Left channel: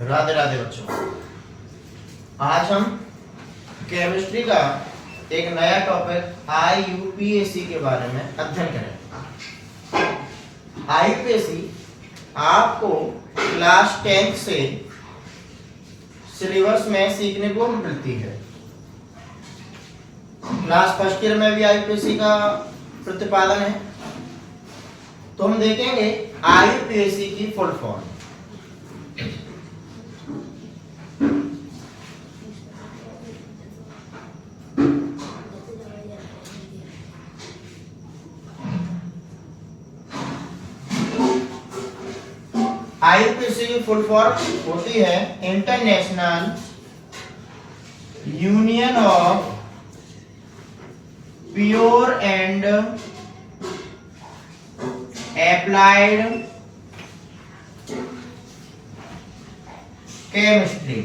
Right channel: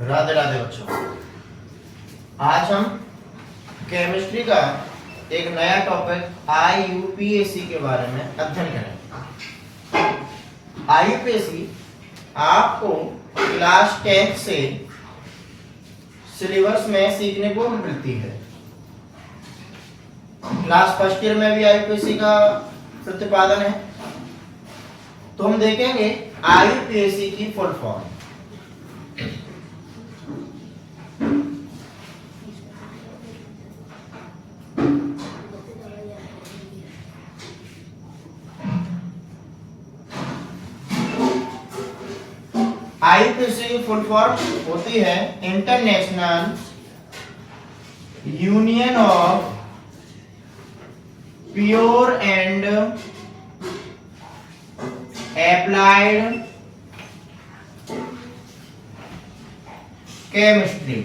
राधे राधे बच्चों। आज हम केमिस्ट्री का एक नया टॉपिक IUPAC के बारे में अध्ययन करेंगे। IUPAC आपको क्लास 10th से सिलेबस में सीखने को मिलती है। क्लास फर्स्ट ईयर में भी IUPAC का प्रतिपादन है। तो हम देखेंगे IUPAC की फुल फॉर्म। IUPAC की फुल फॉर्म होती है international union of pure and applied chemistry.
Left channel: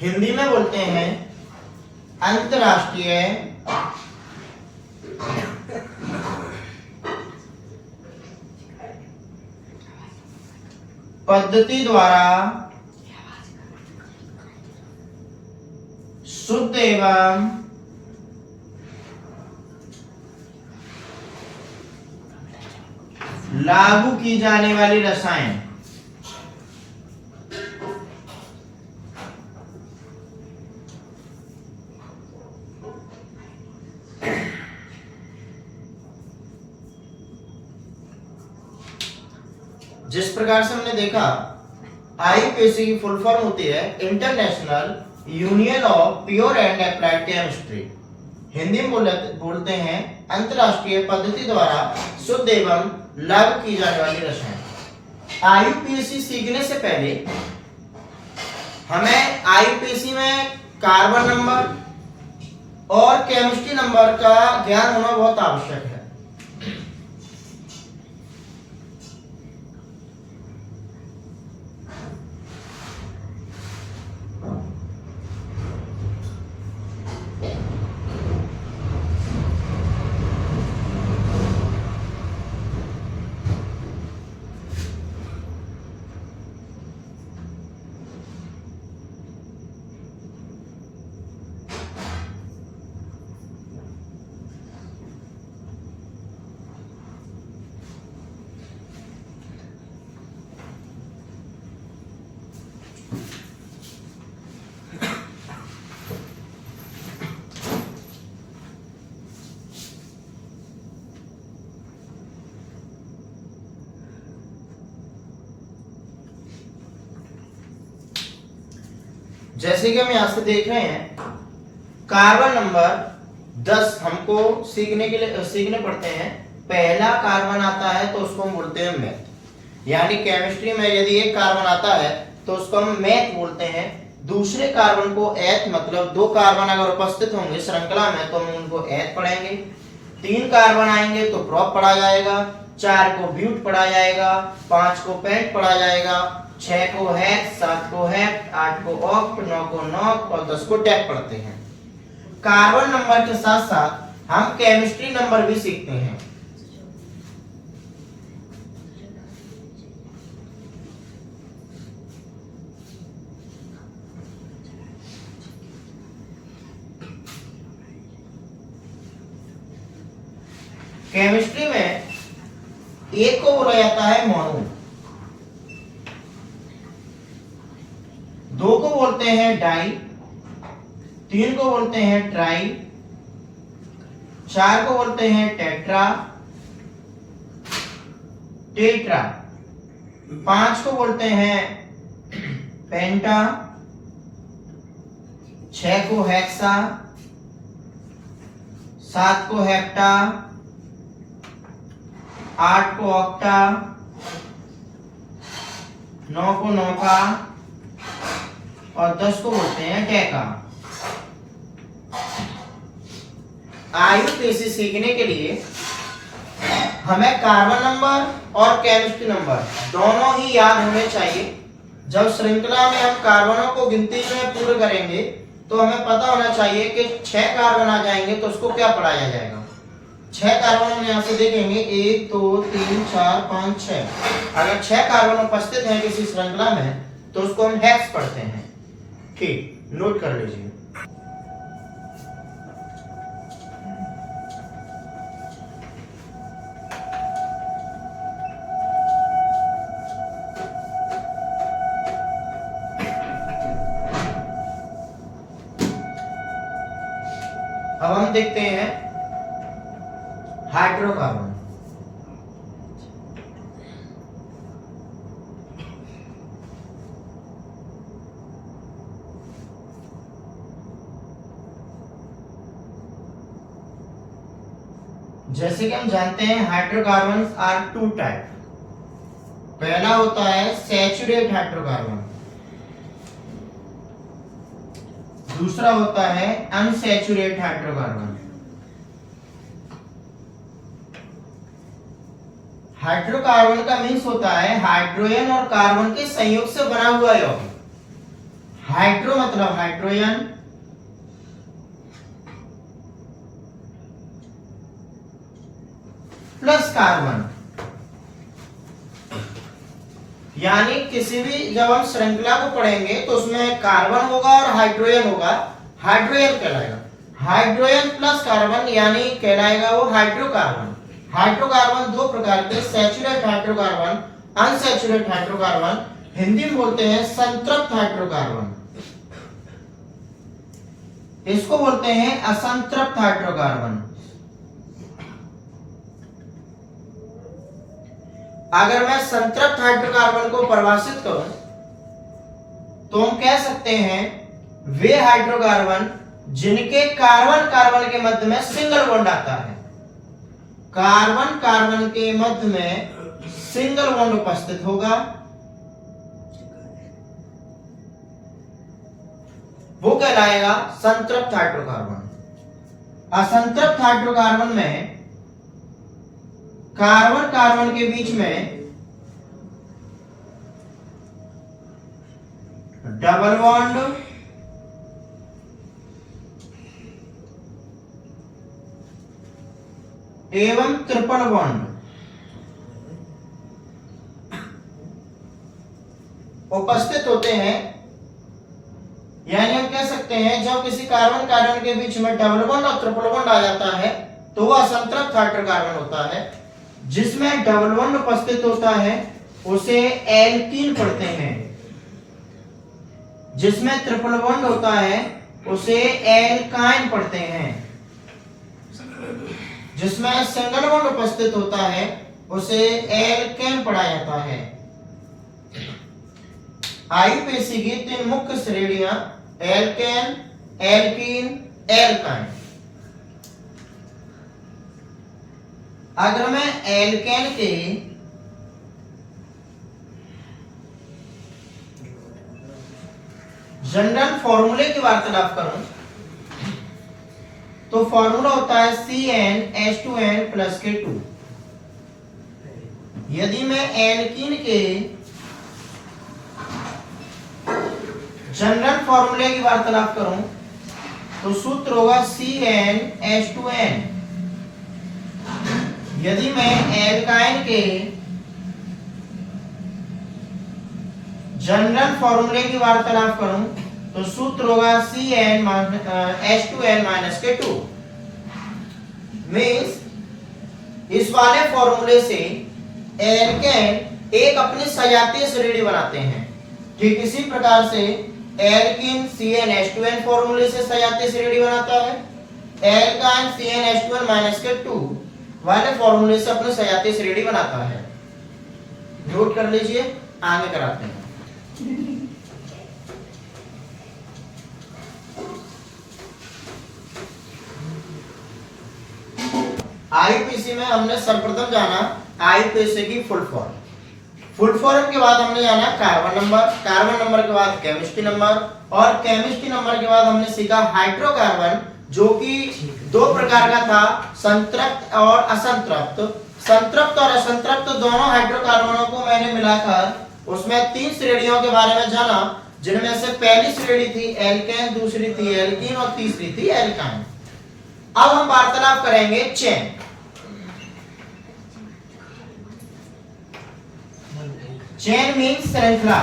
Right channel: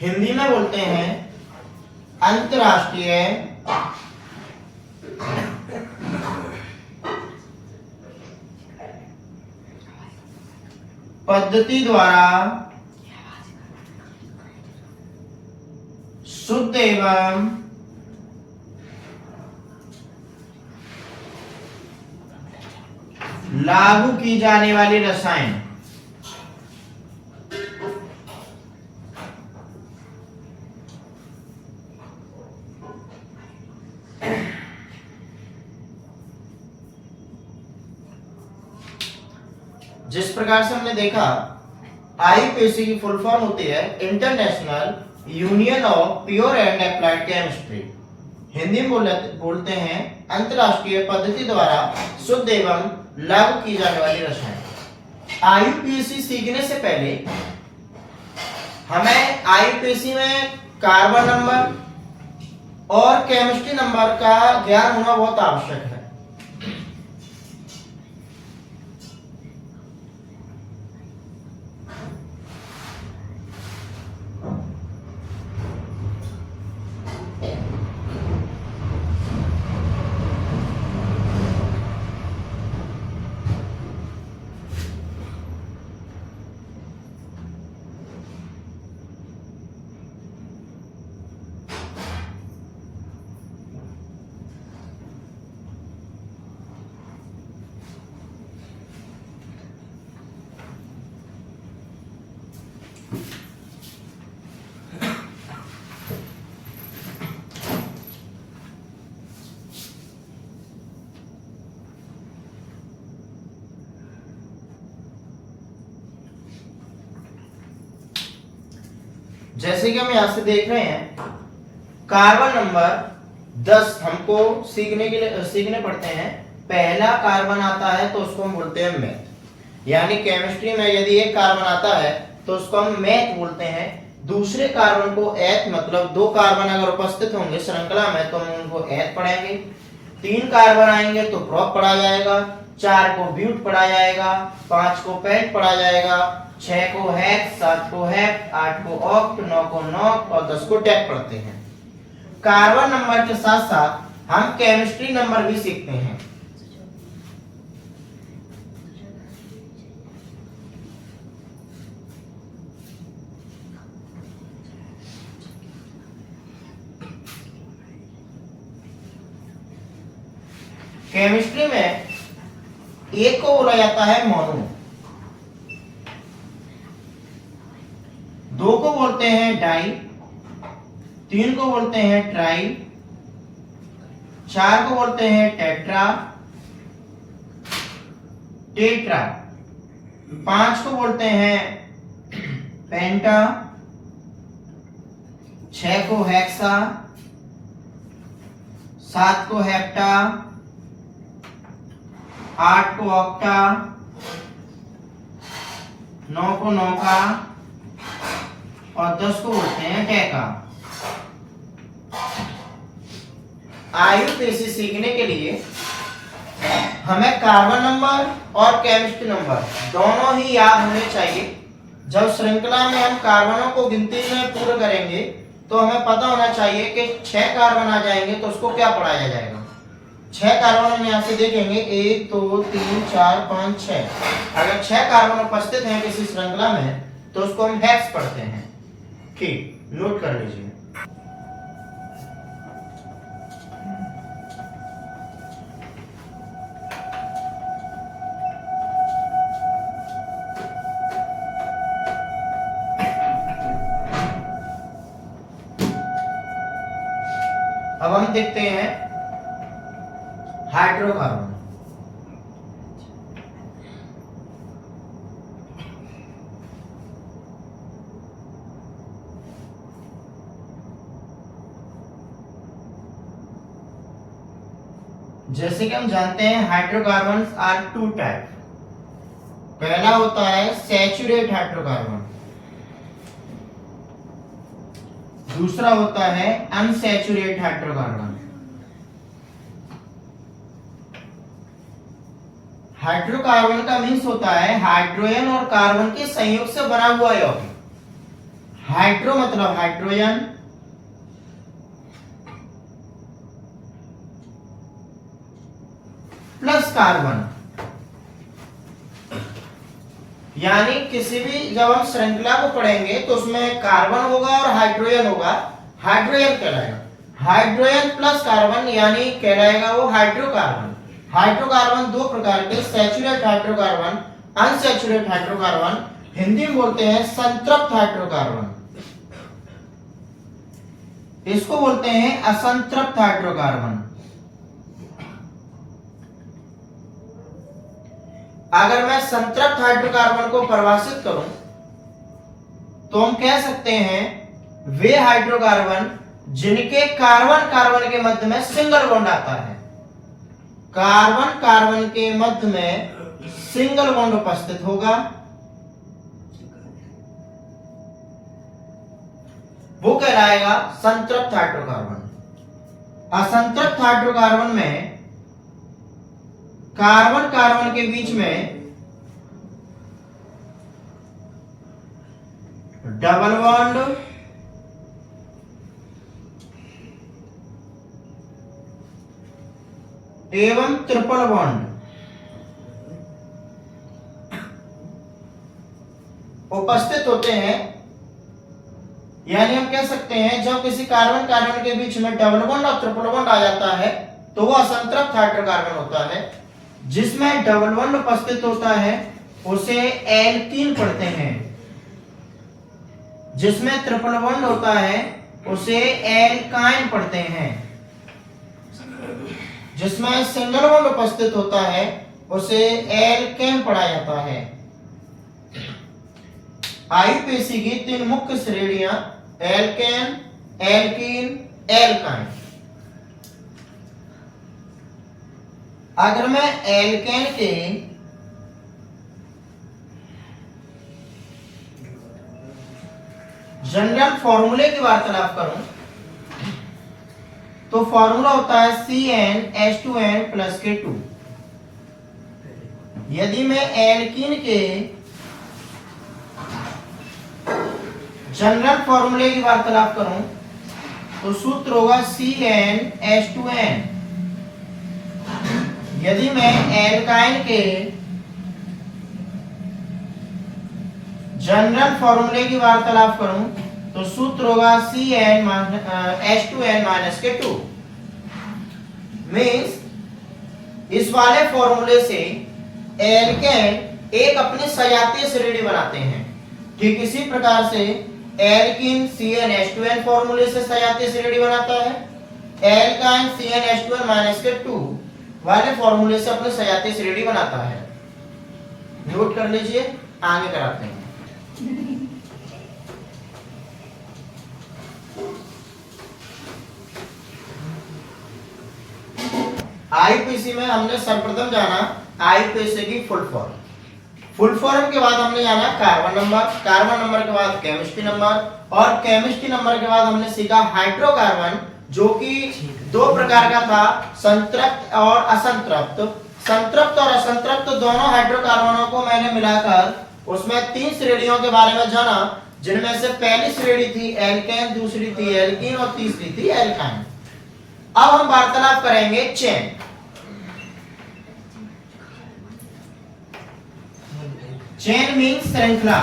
Hindi में बोलते हैं अंतरराष्ट्रीय पद्धति द्वारा शुद्ध एवं लागू की जाने वाली रसायन जिस प्रकार से हमने देखा IUPAC की फुल फॉर्म होती है international union of pure and applied chemistry. Hindi में बोलते हैं अंतरराष्ट्रीय पद्धति द्वारा शुद्ध एवं लागू की जाने वाली रसायन। IUPAC सीखने से पहले हमें IUPAC में कार्बन नंबर और केमिस्ट्री नंबर का ज्ञान होना बहुत आवश्यक है। जैसे कि हम यहां से देख रहे हैं कार्बन नंबर 10 हमको सीखने पड़ते हैं। पहला कार्बन आता है तो उसको हम बोलते हैं मेथ, यानी केमिस्ट्री में यदि एक कार्बन आता है तो उसको हम मेथ बोलते हैं। दूसरे कार्बन को एथ, मतलब दो कार्बन अगर उपस्थित होंगे श्रृंखला में तो हम उनको एथ पढ़ाएंगे। 3 कार्बन आएंगे तो प्रोप पढ़ा जाएगा, 4 को ब्यूट पढ़ा जाएगा, 5 को पेंट पढ़ा जाएगा, 6 को हेक्स, 7 को हेप्ट, 8 को ऑक्ट, 9 को नॉक्ट और 10 को डेक पढ़ते हैं। कार्बन नंबर के साथ साथ हम केमिस्ट्री नंबर भी सीखते हैं। केमिस्ट्री में एक को बोला जाता है मोनो, 2 को बोलते हैं डाई, 3 को बोलते हैं ट्राई, 4 को बोलते हैं टेट्रा, 5 को बोलते हैं पेंटा, 6 को हेक्सा, 7 को हेप्टा, 8 को ऑक्टा, 9 को नौका और 10 को बोलते हैं डेका। IUPAC सीखने के लिए हमें कार्बन नंबर और केमिस्ट्री नंबर दोनों ही याद होने चाहिए। जब श्रृंखला में हम कार्बनों को गिनती में पूर्ण करेंगे तो हमें पता होना चाहिए कि 6 कार्बन आ जाएंगे तो उसको क्या पढ़ाया जाएगा। 6 कार्बन हम यहाँ से देखेंगे, 1 2 3 4 5 6। अगर 6 कार्बन उपस्थित हैं किसी श्रृंखला में तो उसको हम हेक्स पढ़ते हैं। ठीक, नोट कर लीजिए। अब हम देखते हैं हाइड्रोकार्बन। जैसे कि हम जानते हैं हाइड्रोकार्बन आर टू टाइप। पहला होता है सैचुरेट हाइड्रोकार्बन, दूसरा होता है अनसैचुरेट हाइड्रोकार्बन। हाइड्रोकार्बन का मीन्स होता है हाइड्रोजन और कार्बन के संयोग से बना हुआ यौगिक। हाइड्रो मतलब हाइड्रोजन, प्लस कार्बन, यानी किसी भी जब हम श्रृंखला को पढ़ेंगे तो उसमें कार्बन होगा और हाइड्रोजन होगा, हाइड्रोजन कहलाएगा। हाइड्रोजन प्लस कार्बन यानी कहलाएगा वो हाइड्रोकार्बन। हाइड्रोकार्बन दो प्रकार के, सैचुरेट हाइड्रोकार्बन, अनसैचुरेट हाइड्रोकार्बन। हिंदी में बोलते हैं संतृप्त हाइड्रोकार्बन, इसको बोलते हैं असंतृप्त हाइड्रोकार्बन। अगर मैं संतृप्त हाइड्रोकार्बन को परिभाषित करूं तो हम कह सकते हैं वे हाइड्रोकार्बन जिनके कार्बन कार्बन के मध्य में सिंगल बॉन्ड आता है। कार्बन कार्बन के मध्य में सिंगल बॉन्ड उपस्थित होगा, वो कहलाएगा संतृप्त हाइड्रोकार्बन। असंतृप्त हाइड्रोकार्बन में कार्बन कार्बन के बीच में डबल बॉन्ड एवं ट्रिपल बॉन्ड उपस्थित होते हैं। यानी हम कह सकते हैं जब किसी कार्बन कार्बन के बीच में डबल बॉन्ड और ट्रिपल बॉन्ड आ जाता है तो वह असंतृप्त हाइड्रोकार्बन होता है। जिसमें डबल बॉन्ड उपस्थित होता है उसे एल्कीन पढ़ते हैं, जिसमें ट्रिपल बॉन्ड होता है उसे एल्काइन पढ़ते हैं, जिसमें सिंगल बॉन्ड उपस्थित होता है उसे एल्केन पढ़ा जाता है। आईयूपीएसी की तीन मुख्य श्रेणियां एल्केन, एल्कीन, एल्काइन। अगर मैं एल्केन के जनरल फॉर्मूले की वार्तालाप करूं तो फॉर्मूला होता है CnH2n प्लस K2। यदि मैं एल्कीन के जनरल फॉर्मूले की वार्तालाप करूं तो सूत्र होगा CnH2n। यदि मैं एल्काइन के जनरल फॉर्मूले की वार्तालाप करूं तो सूत्र होगा CnH2n माइनस K2। मीन्स इस वाले फॉर्मूले से एल्केन एक अपनी सजातीय श्रेणी बनाते हैं। ठीक इसी प्रकार से एल्कीन CnH2n फॉर्मूले से सजातीय श्रेणी बनाता है, एल्काइन CnH2n माइनस K2 वाले फॉर्मूले से अपने सजातीय श्रेणी बनाता है। नोट कर लीजिए, आगे कराते हैं। आईयूपीएसी में हमने सर्वप्रथम जाना आईयूपीएसी की फुल फॉर्म। फुल फॉर्म के बाद हमने जाना कार्बन नंबर, कार्बन नंबर के बाद केमिस्ट्री नंबर, और केमिस्ट्री नंबर के बाद हमने सीखा हाइड्रोकार्बन, जो कि दो प्रकार का था, संतृप्त और असंतृप्त। संतृप्त और असंतृप्त दोनों हाइड्रोकार्बनों को मैंने मिलाकर उसमें तीन श्रेणियों के बारे में जाना, जिनमें से पहली श्रेणी थी एल्केन, दूसरी थी एल्कीन और तीसरी थी एल्काइन। अब हम वार्तालाप करेंगे चेन। चेन मीन्स श्रृंखला।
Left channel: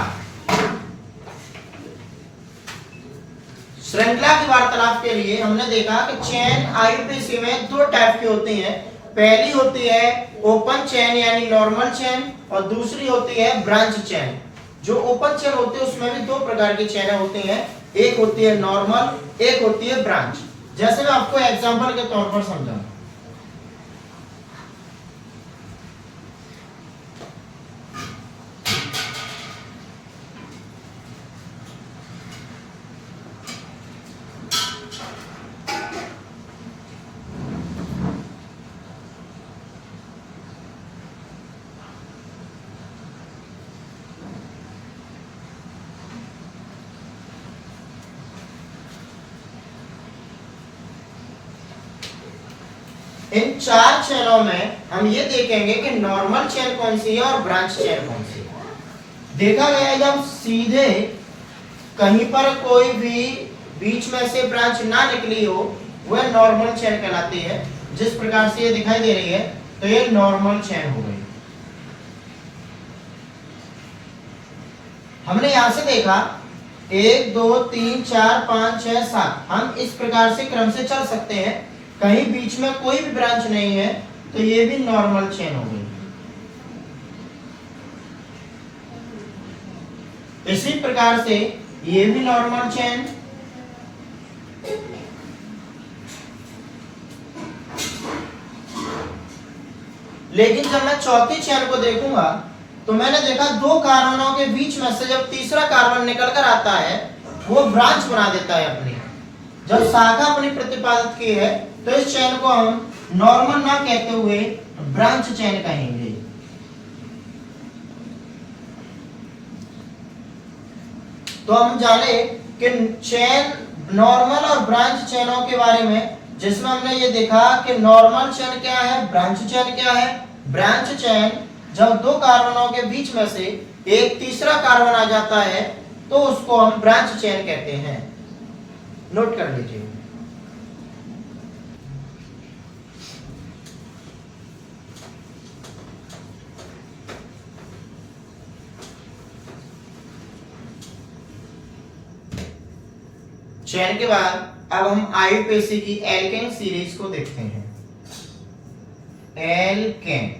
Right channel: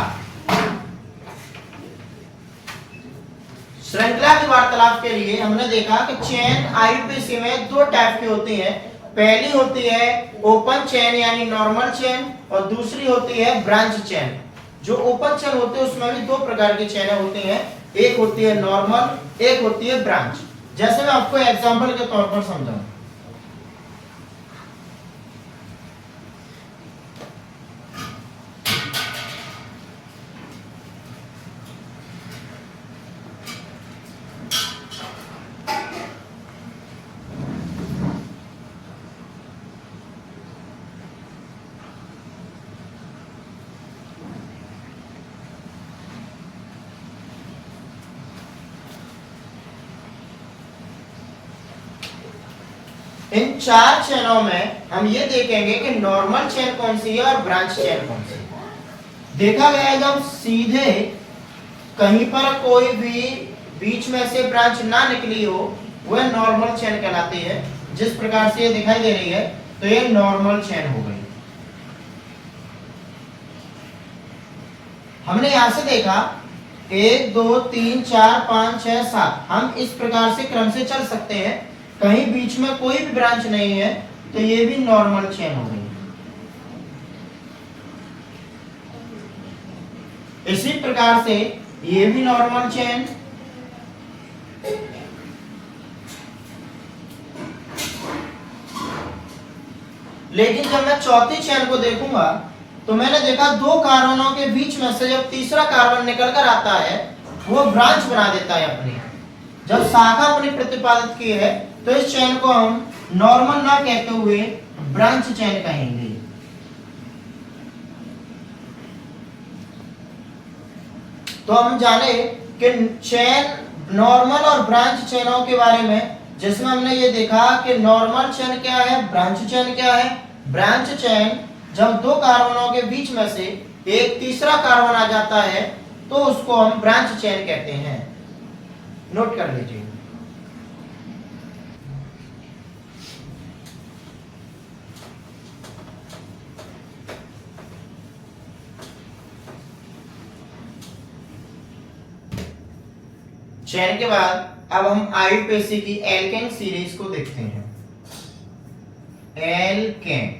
श्रृंखला की वार्तालाप के लिए हमने देखा कि चेन आईयूपीएसी में दो टाइप की होती है। पहली होती है ओपन चेन यानी नॉर्मल चेन, और दूसरी होती है ब्रांच चेन। जो ओपन चेन होती है उसमें भी दो प्रकार की चेनें होती हैं, एक होती है नॉर्मल, एक होती है ब्रांच। जैसे मैं आपको एग्जांपल के तौर पर समझाऊं, इन चार चेनों में हम ये देखेंगे कि नॉर्मल चेन कौन सी है और ब्रांच चेन कौन सी है। देखा गया जब सीधे कहीं पर कोई भी बीच में से ब्रांच ना निकली हो, वह नॉर्मल चेन कहलाती है। जिस प्रकार से ये दिखाई दे रही है तो ये नॉर्मल चेन हो गई। हमने यहां से देखा 1 2 3 4 5 6 7, हम इस प्रकार से क्रम से चल सकते हैं। कहीं बीच में कोई भी ब्रांच नहीं है तो ये भी नॉर्मल चेन हो गई। इसी प्रकार से ये भी नॉर्मल चेन, लेकिन जब मैं चौथी चेन को देखूंगा तो मैंने देखा दो कार्बनों के बीच में से जब तीसरा कार्बन निकल कर आता है वो ब्रांच बना देता है अपनी। जब शाखा अपनी प्रतिपादित की है तो इस चेन को हम नॉर्मल ना कहते हुए ब्रांच चेन कहेंगे। तो हम जाने कि चेन नॉर्मल और ब्रांच चेनों के बारे में, जिसमें हमने ये देखा कि नॉर्मल चेन क्या है, ब्रांच चेन क्या है। ब्रांच चेन जब दो कार्बनों के बीच में से एक तीसरा कार्बन आ जाता है तो उसको हम ब्रांच चेन कहते हैं। नोट कर लीजिए। चेन के बाद अब हम आईयूपीएसी की एल्केन सीरीज को देखते हैं। एल्केन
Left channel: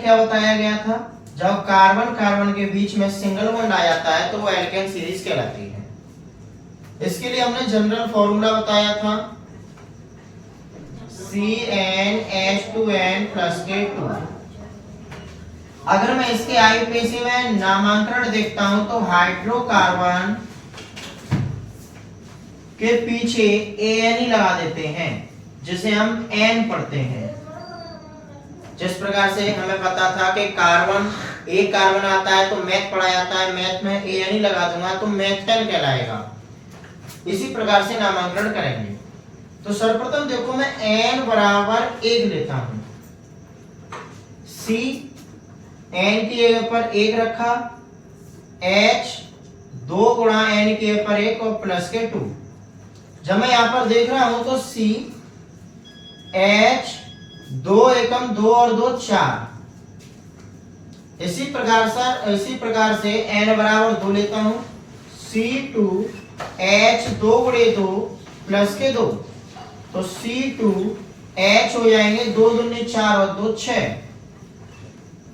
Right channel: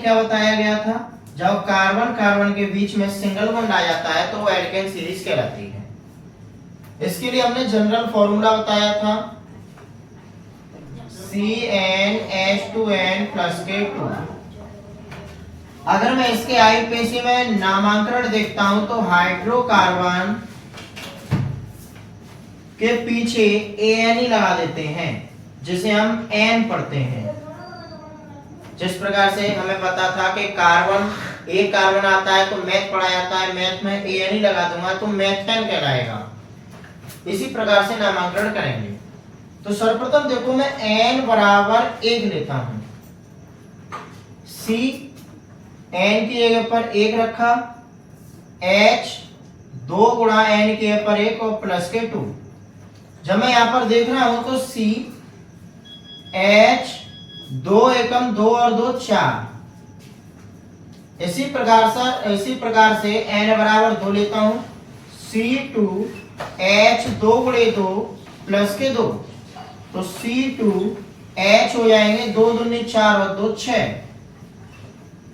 क्या बताया गया था? जब कार्बन कार्बन के बीच में सिंगल बॉन्ड आ जाता है तो वो एल्केन सीरीज कहलाती है। इसके लिए हमने जनरल फॉर्मूला बताया था CnH2n+K2। अगर मैं इसके आईयूपीएसी में नामांकन देखता हूं तो हाइड्रोकार्बन के पीछे An ही लगा देते हैं, जिसे हम N पढ़ते हैं। जिस प्रकार से हमें पता था कि कार्बन एक कार्बन आता है तो मैथ पढ़ा जाता है, मैथ में An ही लगा दूंगा तो मैथेन कहलाएगा। इसी प्रकार से नामांकन करेंगे। तो सर्वप्रथम देखो मैं n बराबर 1 लेता हूं। C n की जगह पर 1 रखा, H 2 गुणा n की जगह पर 1 और प्लस के 2। जब मैं यहां पर देख रहा हूं तो C H 2 एकम 2 और 2 4। इसी प्रकार से n बराबर 2 लेता हूं। C2 H 2 गुणे 2 प्लस के 2, तो C2 H हो जाएंगे 2 दूनी 4 और 2 6।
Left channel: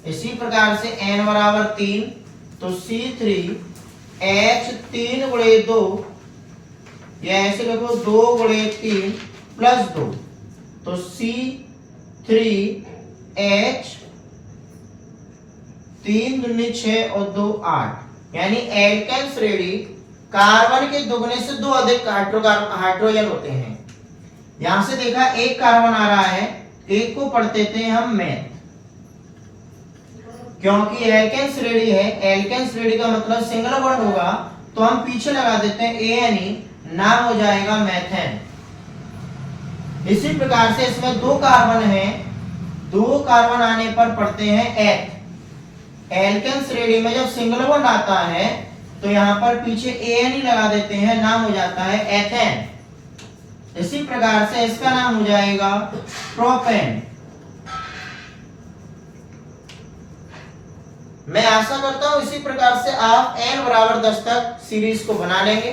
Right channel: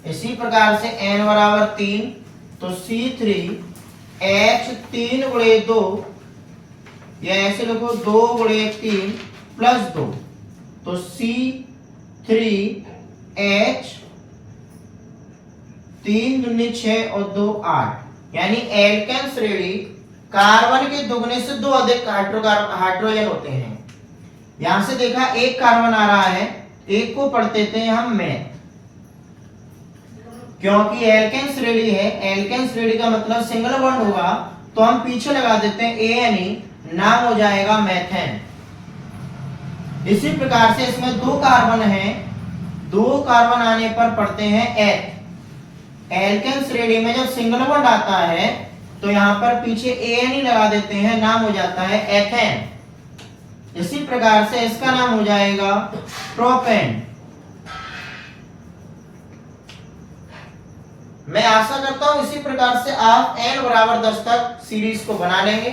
इसी प्रकार से n बराबर 3, तो C3 H 3 गुणे 2, या ऐसे लिखो 2 गुणे 3 प्लस 2, तो C3 H 3 दूनी 6 और 2 8। यानी एल्केन श्रेणी कार्बन के दुगने से 2 अधिक हाइड्रोजन होते हैं। यहां से देखा एक कार्बन आ रहा है, एक को पढ़ते थे हम मैथ, क्योंकि एल्केन श्रेणी है। एल्केन श्रेणी का मतलब सिंगल बॉन्ड होगा तो हम पीछे लगा देते हैं ANE, नाम हो जाएगा मैथेन। इसी प्रकार से इसमें 2 कार्बन है, 2 कार्बन आने पर पढ़ते हैं एथ। एल्केन श्रेणी में जब सिंगल बॉन्ड आता है तो यहां पर पीछे ANE लगा देते हैं, नाम हो जाता है एथेन। इसी प्रकार से इसका नाम हो जाएगा प्रोपेन। मैं आशा करता हूं इसी प्रकार से आप n बराबर 10 तक सीरीज को बना लेंगे।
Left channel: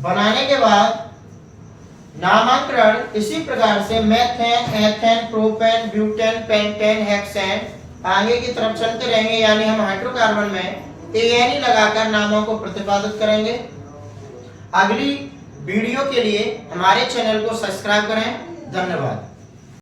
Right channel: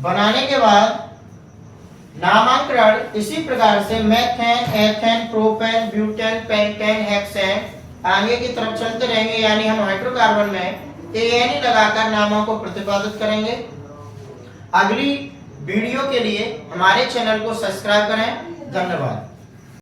बनाने के बाद नामांकन इसी प्रकार से methane, ethane, propane, butane, pentane, hexane आगे की तरफ चलते रहेंगे, यानी हम हाइड्रोकार्बन में एन लगाकर नामों को प्रतिपादित करेंगे। अगली वीडियो के लिए हमारे चैनल को सब्सक्राइब करें। धन्यवाद।